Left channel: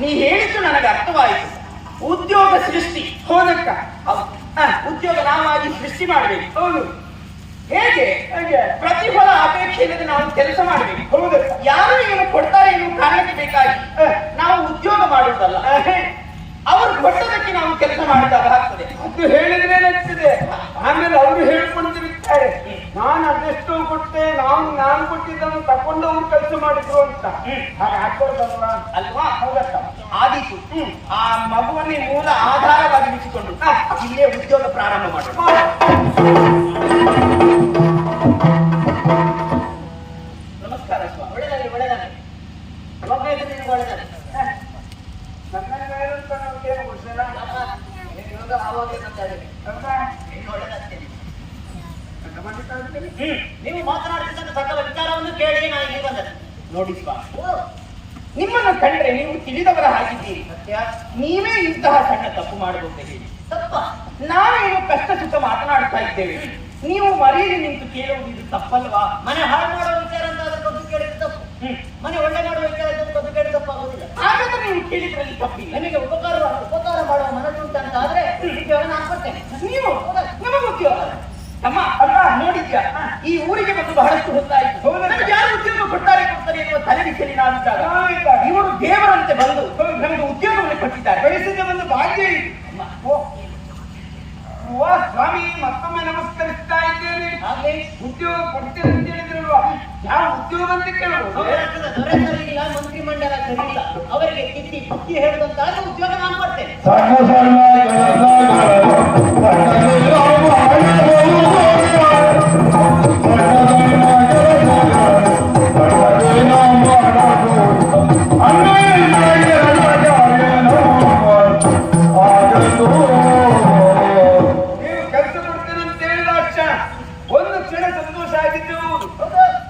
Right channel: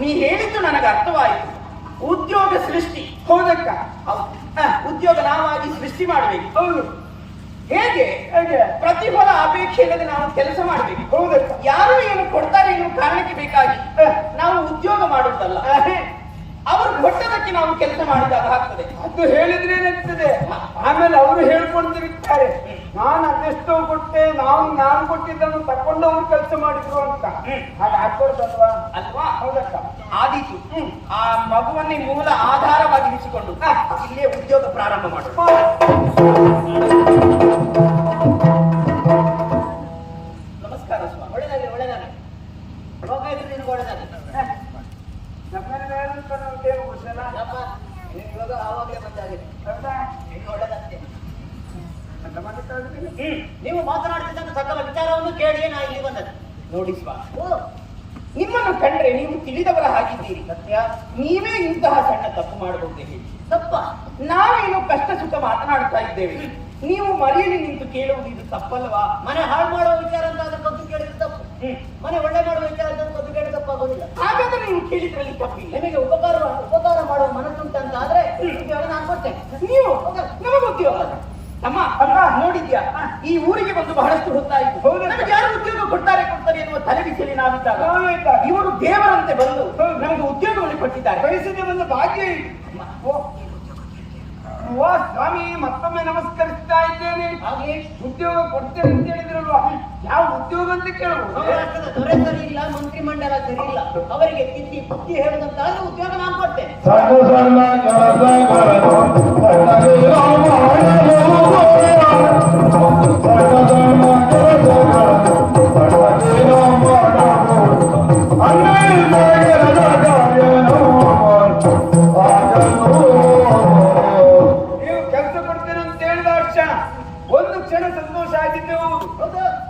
ನೀ ಹೇಳಿದ್ದು ನನಗೆ ಅರ್ಥವಾಯಿತು. ಉದ್ಯೋಗ ಸೃಷ್ಟಿ ಹೋದಕ್ಕ ಉದ್ಯೋಗ ನಾವಾಗಿ ಸೃಷ್ಟಿ ಮಾಡಬೇಕು. ಹೌದು. ಹೇಗೆ? ಹೇಗೆ? ಪ್ರತಿಫಲ ಅಪೇಕ್ಷೆ ಇಲ್ಲದೆ ನಾವು ಕೆಲಸ ಮಾಡಬೇಕು. ಹೌದು. ಯಾರು ಏನು ಕೊಡ್ತಾರೆ ಏನು ಕಾರಣಕ್ಕೆ ಬೇಕಾಗಿ ನಾವು ಉದ್ಯೋಗ ಮಾಡುವುದಲ್ಲ. ಅವರು ಕೊಟ್ಟದಕ್ಕೆ ನಾವು ಕೆಲಸ ಮಾಡಿದಾಗ ಆಗ್ತದೆ. ಅದು ಹೇಳಿದ್ರೆ ಏನಾಗ್ತದೆ ಆಮೇಲೆ ಅವರು ಹೇಳ್ಕೊಂಡಿರುತ್ತಾರೆ. ನಾನು ಅದೆಷ್ಟೋ ಕೊಟ್ಟೆ ನಾವು ನಾನು ಕೊಟ್ಟಿದ್ದನ್ನು ತಕೊಂಡು ಅವ್ರು ಕೆಲಸ ಮಾಡಿದ್ರು ಅಂತ. ಅಲ್ವಾ? ಹೌದಕ್ಕ ಆದೀತು. ಆ ಮಗುವನ್ನೇ ಮೂಲ ಆಧಾರವಾಗಿರಿಸಿಕೊಂಡು ಇಲ್ಲೇ ಉದ್ಯೋಗ ಪ್ರಾರಂಭ ಮಾಡುವ ನೀವು ಮಾತನಾಡ್ತಿದ್ದಂತ ಸಕಲ ವಿಚಾರವನ್ನು ಕೇಳಿ ನಾ ಇಲ್ಲಿ ಬಂದದ್ದು. ನೋಡಿ ನಿಮ್ಮನ್ನು ಕಂಡ್ರೆ ನೀವು ತಿಳಿದವರ ಹಾಗಿದ್ದೀರಿ. ಸತ್ಯ ನೀವೇ ಇಂತಹ ಸಣ್ಣ ತಪ್ಪು ಮಾಡಬಹುದು ಹೇಳಿ. ತಪ್ಪ. ನಾವೇನು ಕಷ್ಟ ಸುಖ ಮಾತನಾಡ್ತಾ ಇದ್ದೇವೆ. ನೀವು ಮರೆಯಲ್ಲಿ ನಿಂತು ಕೇಳುವುದು ಇದು ತಪ್ಪಲ್ವಾ? ಮನೆ ಹಾಳು ಮಾಡೋ ವಿಚಾರ ಅಂತ ಗೊತ್ತು ಕೇಳಿದ್ರೆ ತಪ್ಪು. ಹ್ಮ್. ಮನೆ ಒಳ್ಳೆ ಮಾಡೋ ವಿಚಾರ ಅಂತ ಗೊತ್ತು ಕೇಳಿದ್ರೆ ತಪ್ಪಾಗೋದಿಲ್ಲ ಹಾಗಾದ್ರೆ ನೀವು ಕೇಳಿದ್ರಲ್ಲಿ ತಪ್ಪಿ ನಿಮಗೆ ಉಪಕಾರ ಉಪಕಾರ ಮಾಡುವ ಮನಸ್ಸು ಅಂತ ಆದ್ರೆ ನಾನು ಕೊಡ್ತೇನೆ. ನೀವು? ನಮಗೆ ಉದ್ಯೋಗ ಅಮ್ಮ ಅಮ್ಮ ನೋಡಿದ್ಯಾ? ಈ ಊರಿಗೆ ಬಂದು ಬಹಳಷ್ಟು ಹೊತ್ತಾಯಿತು? ನನಗೆ ಯಾರು ಉದ್ಯೋಗ ಕೊಡ್ತಾರೆ ಕೊಡ್ತಾರೆ ಎನ್ನುವ ತಲೆ ಬಿಸಿಲಿ ನಾನಿದ್ದಾಗ? ಇವರು ದೇವರಂತೆ ಬಂದು ನಮಗೆ ಉದ್ಯೋಗವನ್ನು ಕೊಟ್ಟಿದ್ದಾರೆ. ಬಯಸಿದ ಒಂದು ಭಾಗ್ಯ. ಓ. ಓ ಸ್ವಾಮಿ ಮತ್ತೊಮ್ಮೆ ನಮಸ್ಕರಿಸ್ತಾ ಇದ್ದೇನೆ. ಹಾಗೆ? ಉದ್ಯೋಗ ಕೊಡ್ತೇನೆ ಅಂತ ಹೇಳಿದ್ರು ಯಾವ ಉದ್ಯೋಗ ಅಂತ ಕೇಳಬಹುದು ದೊರೆ ಸರಿಯಿಲ್ಲ ಮಂತ್ರಿಮಂಡಲ ಸರಿಯಿಲ್ಲ ಅವರಿಗೆ ತಿದ್ದಿ ಬುದ್ಧಿ ಹೇಳುವಂತಾದ್ರೆ ಉದ್ಯೋಗ ನಾನು ಕೊಡ್ತೇನೆ.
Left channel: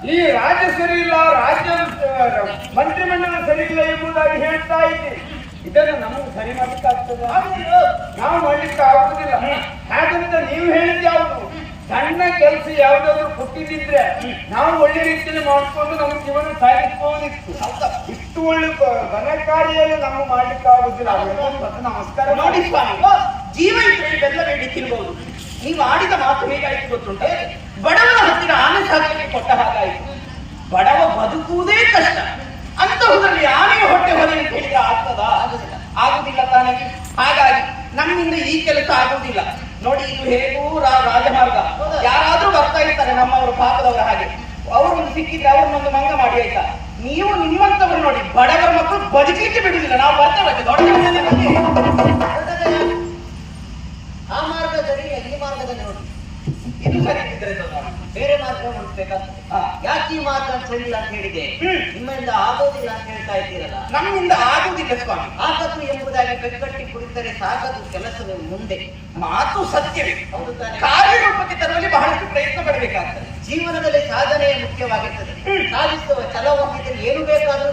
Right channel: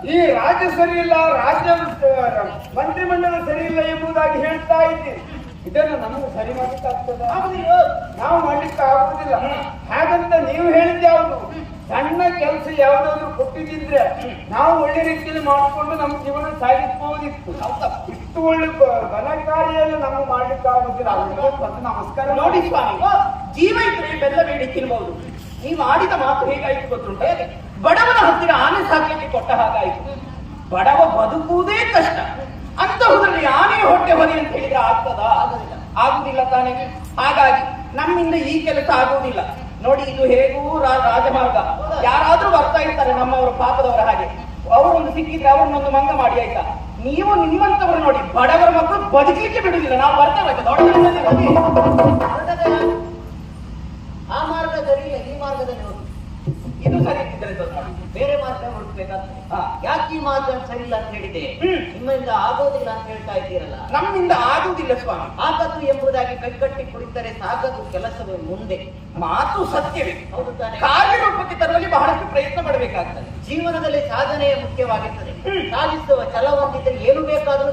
ಈ ರಾಜ್ಯ ಸರಿ ಇಲ್ಲ ರಾಜ್ಯ ಮಂತ್ರಿಮಂಡಲ ಸರಿ ಇಲ್ಲ ಎಂಬುದಾಗಿ ಹೇಳ್ತಾ ಇದ್ದೆ ಇದನ್ನು ನಮಗೆ ಸರಿ ಮಾಡ್ಲಿಕ್ಕಾಗ್ತದ ನಾವು ಮಾಡ್ಲಿಕ್ಕೆ ಆಗುದಿಲ್ಲ ಹಾಗಂತ ನೀವು ಹೇಳಿದ ಯಾವುದು ಸಣ್ಣ ಕೆಲಸ ಯಾವ್ದಾದ್ರು ಕೊಟ್ಟಿದ್ರೆ ನಾವು ಒಳ್ಳೆ ರೀತಿಯಲ್ಲಿ ಮಾಡಿಕೊಂಡು ನಮ್ಮ ಜೀವನ ಸಾಗಿಸಬಹುದಿತ್ತು ಇಷ್ಟು ಒಳ್ಳೆ ಘನ ನಾವು ನಮ್ಗೆ ಮಾಡ್ಲಿಕ್ಕೆ ಆಗುದಿಲ್ಲ. ಅವರಿಗೆ ಮತ್ತೆ ನಮಸ್ಕಾರ ನೋಡಿ ಸ್ವಾಮಿ ಜೀವ ಇದ್ರೆ ಬೆಲ್ಲ ಬೇಡಿ ತಿನ್ಬಹುದು ನೀವು ಆಡಿದ ಮಾತು ಹೇಗಾಯ್ತು ಗೊತ್ತುಂಟೆ? ಬಡವನ ಹತ್ತಿರ ಆನೆ ಸಾಕಕ್ಕೆ ಕೊಟ್ಟ ಹಾಗಾಯ್ತು. ಬಡವ ಬದುಕುವುದೇ ಕಷ್ಟ. ಅಂತಹುದರಲ್ಲಿ ಆನೆ ಹೊಟ್ಟೆ ಹೊರಗೆ ಕೇಳಿದ್ರೆ ಆಗ್ತದ? ಆಗುದಿಲ್ಲ. ಆಗುದಿಲ್ಲ ತಾನೇ. ಹಾಗಾಗಿ ನಮ್ಮಿಂದ ಈ ಕೆಲಸ ಆಗುವುದಿಲ್ಲ ನೋಡಿ ಇದು ಹೇಗೂ ರಾಜಮಾರ್ಗ. ಯಾರಾದ್ರೂ ಬರ್ತಾ ಇರ್ತಾರೆ ನಮ್ಮವರ ಪಾಪದವರ ಹಾಗೆ. ಅವರೊಂದು ಸಿಕ್ಕಿದ್ರೆ ಅವ್ರನ್ನೊಂದು ಮಂಗ ಮಾಡಿ, ಆಯ್ತಾ? ನೀವು ನಿಮ್ಮಂತವ್ರು ನೋಡಿ, ಬಡವರ ಮಕ್ಕಳು ಬದುಕಲಿಕ್ಕೆ ಬಿಡುದಿಲ್ಲ. ನಾವು ಬರ್ತೇವೆ ದೊಡ್ಡ ಆ ಮಾರ್ಗದಲ್ಲಿ ಈ ಮಾರ್ಗದಲ್ಲಿ ನೋಡಿ. ಇದು ಸರಿ ಬೇರೆ ಮಾರ್ಗ ಹುಡುಕ್ಬೇಕಾಗ್ತದೆ ಯಾಕೆ ಈ ಮಾರ್ಗ ಸರಿ ಅಂತ ಹೇಳಿದೆ. ನಿಮ್ಮಿಂದ ಆಗೋದಿಲ್ಲ ಅಂತ ಹೇಳ್ತಾ ಇದ್ದೀರಲ್ಲ? ನಮ್ಮಿಂದ ಆಗೋದಿಲ್ಲ ಸ್ವಾಮಿ. ಆಗದು ಎಂಬುದಾಗಿ ಕೈಕಟ್ಟಿ ಕುಳಿತರೆ ಸಾಗದು ಕೆಲಸವೇ ಮುಂದೆ. ಮಾತು ಸತ್ಯವೇ. ಹೌದು ಕಾರ್ಯರೂಪಕ್ಕೆ ತರಲು ಬಹಳಷ್ಟು ಪ್ರಯತ್ನ ಪಡಬೇಕಾಗ್ತದೆ. ಜೀವನದಲ್ಲಿ ಸಾಧನೆ ಮುಖ್ಯವಾಗಿರ್ತದೆ. ಸಾಧಿಸುವ ಛಲ ಹೊಂದಿದ್ರೆ ಏನು ಬೇಕಾದರೂ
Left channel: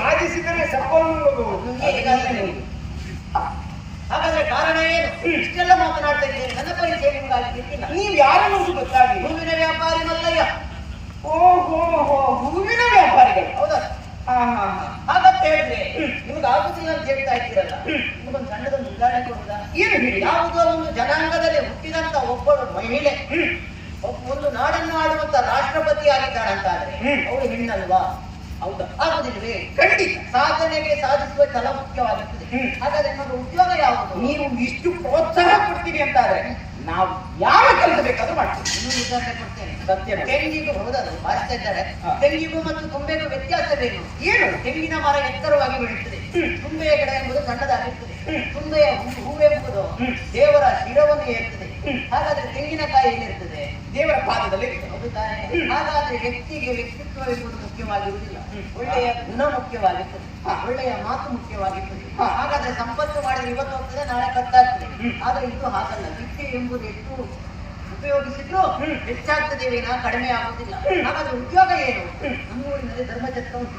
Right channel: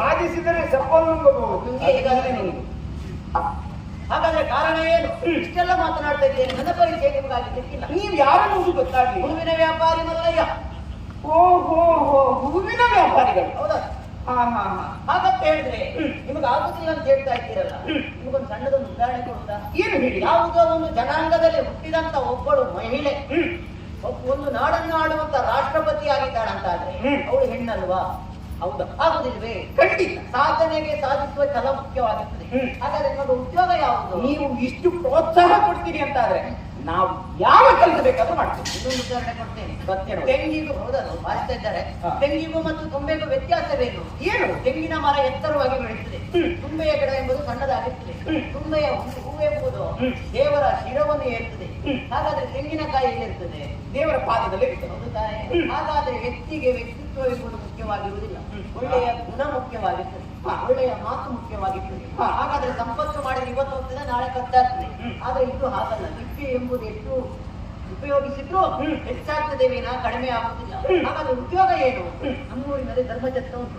ಸಾಧಿಸಿದರೆ ಸಫಲ ನಿಮಗೆ ಈಗಾಗಲೇ ಕಾರಣ ಏನು ಇಷ್ಟೆಲ್ಲ ಮಾತನಾಡ್ತಾ ಇದ್ದೇನೆ ನನ್ನ ಕೈ ಸೇರಿಗಾಗಿ ಗೊತ್ತಿಲ್ಲ ನೀವು ಯಾರನ್ನು ಗೊತ್ತಾಗಿ ಹೂವಿನ ವ್ಯಾಪಾರಿ ಮಲ್ಲಯ್ಯ. ಓಹೋ ಹೂವಿನ ವ್ಯಾಪಾರಿಗಳು. ಹೌದಾ? ಹಾ. ಹಾಗಂತ ಹೇಳಿದ್ರೆ ನಿಮ್ಗೆ ಆಗುದಿಲ್ಲ ಅಂತ ಹೇಳ್ತಾ ಇದ್ದೀರಲ್ಲ ನಿಮಗೊಂದು ಸಣ್ಣದೊಂದು ಉದಾಹರಣೆ ಕೊಡ್ತಾ ಏನು ಯಾವುದೋ ಒಂದು ಜನಾಂಗದಲ್ಲಿ ಹುಟ್ಟಿದಂತ ಒಬ್ಬಳು ಮಹಿಳೆ. ಒಂದು ನಾಡನ್ನು ಆಡುವಂತ ರಾಷ್ಟ್ರಪತಿ ಆಗಿದ್ದಾಳಂತಾದ್ರೆ ಹ್ಮ್. ಅವಳು ಹೆಣ್ಣಲ್ವಾ? ಹೌದಾ? ಆಗುದಿಲ್ವೇ? ಖಂಡಿತ. ಸಾಧನೆಗೆ ಸಾಧಿಸುವ ಛಲ ಮುಖ್ಯವಾಗಿರ್ತದೆ. ಹ್ಮ್. ಹಾಗಾದ್ರೆ ನಿಮ್ಮ ಉದ್ಯೋಗ ಯಾವುದು ನೀವು ಇಷ್ಟು ಪ್ರೋತ್ಸಾಹ ಅಂತಾರೆ ನಾವು ಯಾವ ಕೆಲಸ ಬೇಕಾದ್ರೂ ಮಾಡ್ತೀವಿ. ಇನ್ನೊಂದು ಉದಾಹರಣೆ ಕೊಡ್ತೇನೆ. ಸತ್ಯ ತೆಂಗಿಗೂ ಹೌದದು ಮಾಡ್ತಾ ಇದ್ದಾರೆ. ತೆಂಗಿಗೂ ಮತ್ತು ತುಂಬೆಗೂ ವ್ಯತ್ಯಾಸವೇನು ಏನು? ತೆಂಗಿನ ಮರ ಎತ್ತರವಾಗಿ ಬೆಳೆಯುತ್ತದೆ ತುಂಬೆಯ ಗಿಡ ಎಂಬುದು ಸಣ್ಣದಾಗಿರ್ತದೆ ತುಂಬೆಯ ಹೂವೆಂಬುದು ದೇವರ ಶಿರವನ್ನು ಏರ್ತದೆ ಹಾಗಾದ್ರೆ ತೆಂಗಿನಕಾಯಿ ಎಲ್ಲಿರ್ತದೆ ದೇವರ ಪಾದದಲ್ಲಿ? ಹಾಗಾದ್ರೆ ವ್ಯಕ್ತಿಗೆ ವ್ಯಕ್ತಿತ್ವ ಎಂಬುದು ಮುಖ್ಯವಾಗಿರುವುದಿಲ್ಲ ಒಳ್ಳೆಯ ಗುಣ ಮುಖ್ಯವಾಗಿರ್ತದೆ ಒಳ್ಳೆಯ ಮಾತು ಮುಖ್ಯವಾಗಿರ್ತದೆ ಹಾಗಾದ್ರೆ ಸಂಪತ್ತು ಮಾಡಿದ್ರೆ ಇವತ್ತು ಹೋಗ್ತದೆ ನಾಳೆ ಕತ್ತಾಗ್ತದೆ. ಆದ್ರೆ ಇದು ಹಾಗಲ್ಲ. ವ್ಯಕ್ತಿ ಎಂಬುದು ಎಷ್ಟು ಉಪಯೋಗಿಸಿದ್ರು ಹೆಚ್ಚಾಗ್ತದೆ ವಿನ ಕಡಿಮೆ ಆಗುದಿಲ್ಲ ಹಾಗಾದ್ರೆ ಉದ್ಯೋಗ ಏನು? ನಮ್ಮೂರಿನಲ್ಲಿ ಧರ್ಮಚತ್ರ ಉಂಟು.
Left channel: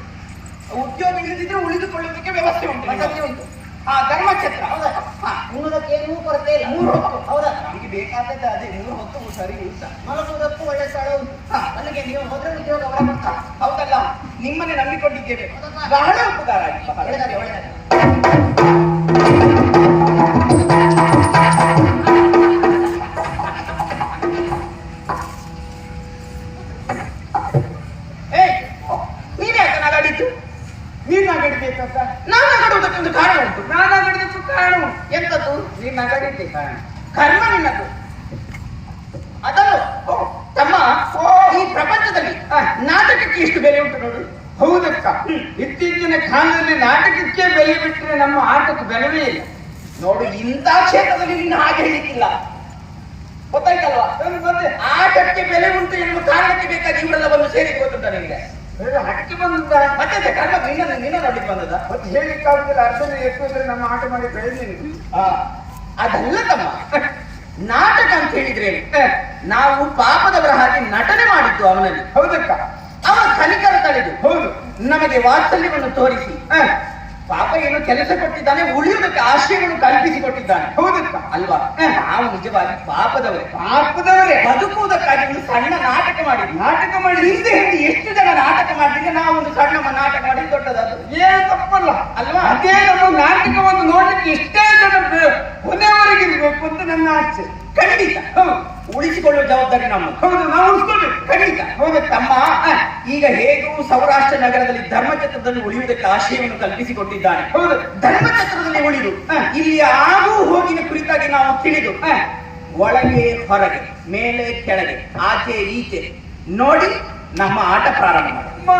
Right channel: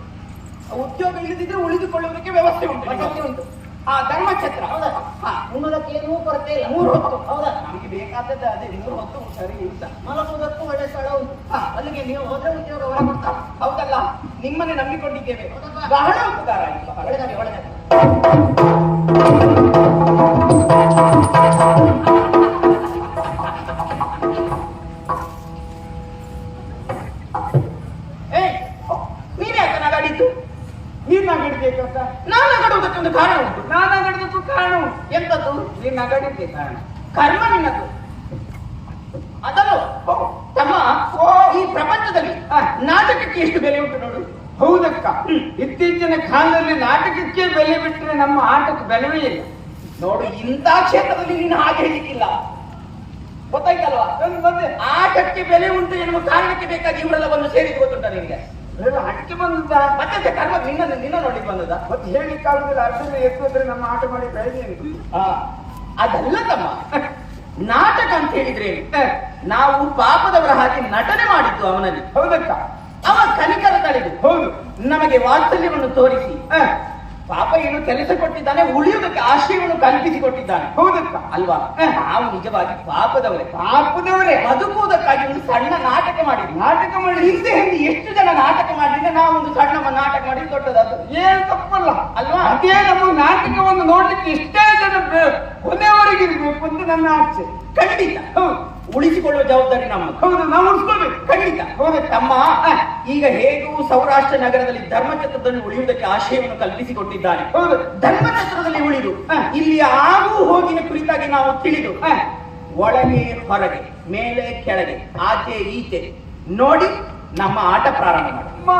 ಉದ್ಯೋಗ ಇಲ್ಲದಿದ್ರೆ ಉಳಿದುಕೊಳ್ಳುವುದಕ್ಕೆ ವ್ಯವಸ್ಥೆ ಉಂಟು. ಉಂಟು. ಹಾ ಧರ್ಮಛತ್ರ ಹೌದಾ? ಹಾ ಏನು ಏನೂ ಕೊರತೆ ಇಲ್ಲ ಮೂರು ಹೊತ್ತು. ಹೌದಾ? ನಮಗೆ ಬೇಕಾದದ್ದು ಅದೇ ಮೂರು ಹೊತ್ತು ಸರಿ ಉಂಟ. ಮಲಗುವುದಕ್ಕೂ ಒಳ್ಳೆ ಸ್ಥಳ ಉಂಟು. ಅಲ್ಲಿಗೆ ನೀವು ಹೋದ್ರೆ ಉದ್ಯೋಗ ಅವರೇ ಬರ್ತಾರೆ. ಹೌದಲ್ಲ? ನಿಮ್ಮನ್ನೇ ನಂಬಿಕೊಂಡಿದ್ದೇವೆ. ಬಹಳ ಉಪಕಾರ ಒಳ್ಳೆದಾಗಿ ಒಳ್ಳೆದಾಗಿ ನೀನ್ ನಗಡಿದ್ದೆ ಕರ್ಮ ನಿನ್ನದು ಅದನ್ನು ತಮ್ಮ ಈ ಪ್ರಪಂಚದಲ್ಲಿ ನಾಟಕಕ್ಕೆ ಎಷ್ಟು ಬೆಲೆ ಉಂಟು ನೋಡು. ಹೌದಕ್ಕ. ಇತ್ತೀಚಿನ ಕಾಲದಲ್ಲಿ ನಾಟಕಕ್ಕೆ ಬೆಲೆ ಬಿಟ್ಟರೆ ನಮ್ಮ ಆಟಕ್ಕೆ ಬೆಲೆವೇ ಇಲ್ಲ. ನೋಡು ಇಂಥ ಕ್ಷೇತ್ರದಲ್ಲಿ ನಿನ್ನ ಹಾಗೆ ಹೇಳಿಕ್ಕಿಲ್ಲ. ಗೊತ್ತಾಯ್ತಲ್ವಾ? ಆಟಕ್ಕೆ ಬೆಲೆ ಉಂಟು ಎನ್ನುವ ಕಾರಣಕ್ಕೆ ಬೇಕಾಗಿ ಇವರೆಲ್ಲ ಬಂದು ಸೇರಿದ್ದು ಗೊತ್ತುಂಟ ನಿನ್ಗೆ ಹಕ್ಕಿ ಬಂದ ಮತ್ತೆ ಕರ್ಮ ನಿನ್ನ ನಿನ್ನ ನೋಡಿದ್ದು ಬಂದದ ಮತ್ತೆ ಹೇಳಿಕ್ಕಾಗುದಿಲ್ಲ. ಅರ್ಧ ಎಷ್ಟು ಅಂದ್ರೆ ನಮ್ಮ ಆಟ ಮಾಡಿ ಬೆಳೆದೇನೆ ಅದಲ್ಲ ತಮ್ಮ ನಾಟಕ ಅಂತ ಹೇಳಿದ್ರೆ ನಾವು ಪಾಪದವರ ಹಾಗೆ ನಟನೆ ಮಾಡಿದ್ದು ಅವನಲ್ಲಿ. ಹೌದಕ್ಕ ಅವ ಕನಿಕರ ತಳೆದು ಹೌದು. ನಮಗೆ ವಾತ್ಸಲ್ಯವನ್ನು ತೋರಿಸಿ. ಪಾಪ ಏನು ಕೆಲಸ ಕೊಟ್ಟಿದ್ದಾನೆ ಉಳಿಯೋದಕ್ಕೆ ಆಶಯವನ್ನು ಕಲ್ಪಿಸಿ ಕೊಟ್ಟಿದ್ದಾನೆ ಹೌದಕ್ಕ ಅಲ್ವಾ ನಾವು ನಿಜವಾಗಿ ಪಾಪದವರೇ. ಪಾಪದವರೇ. ಬದುಕುವುದಕ್ಕಾಗಿ ಒಂದು ಸಣ್ಣ ನಾಟಕ ಮಾಡಿ ನಾಟಕ ಮಾಡಿ ಹಿಂದೆ ಹಿಂದೆ ಎಷ್ಟು ಜನ ನಾಟಕ ಮಾಡಿದ್ರೆ ನಾವು ಒಂದು ಸಣ್ಣ ನಾಟಕ ಮಾಡಿ ದೊಡ್ಡದಾದ ಏನು ತಪ್ಪಲ್ಲ. ಅಲ್ವಾ? ಅದೇ ನಮ್ಮ ನಾಟಕವನ್ನು ನೋಡಲಿಕ್ಕೆ ಇಷ್ಟೇ ಬೆ- ಕೊನೆವರೆಗೆ ಅಂತ ನನ್ನ ಆಸೆ. ಖಂಡಿತ. ಹೌದು. ಉಳಿಸಿಕೊಳ್ಳುವ ಜವಾಬ್ದಾರಿ ನಮ್ಮ. ಹೌದು, ನಾವು ಉಳಿಸ್ಕೊಳ್ಬೇಕು. ಖಂಡಿತ. ಹೌದು, ತಮ್ಮ. ಈಗ ಹೇಗೂ ಸೌರಾಷ್ಟ್ರ ನಗರದಲ್ಲಿ ಧರ್ಮಛತ್ರದಲ್ಲಿ ಉಳಿಯುವುದಕ್ಕೆ ಆಶಯವನ್ನು ಕಲ್ಪಿಸಿಕೊಟ್ಟಿದ್ದಾನೆ. ಹೌದು, ಧರ್ಮಛತ್ರದಲ್ಲಿ ಉಳಿದು ಇಲ್ಲಿ ಆಗು ಹೋಗಿನ ಕುರಿತಾಗಿ ನಾವು ತಿಳಿದು ಒಳಗೆ, ಹೊರಗೆ, ಮೇಲೆ, ಕೆಳಗೆ, ಆಚೆ, ಈಚೆ, ನೋಡಿ ನಮ್ಮ ಆಟ ಪ್ರಾರಂಭ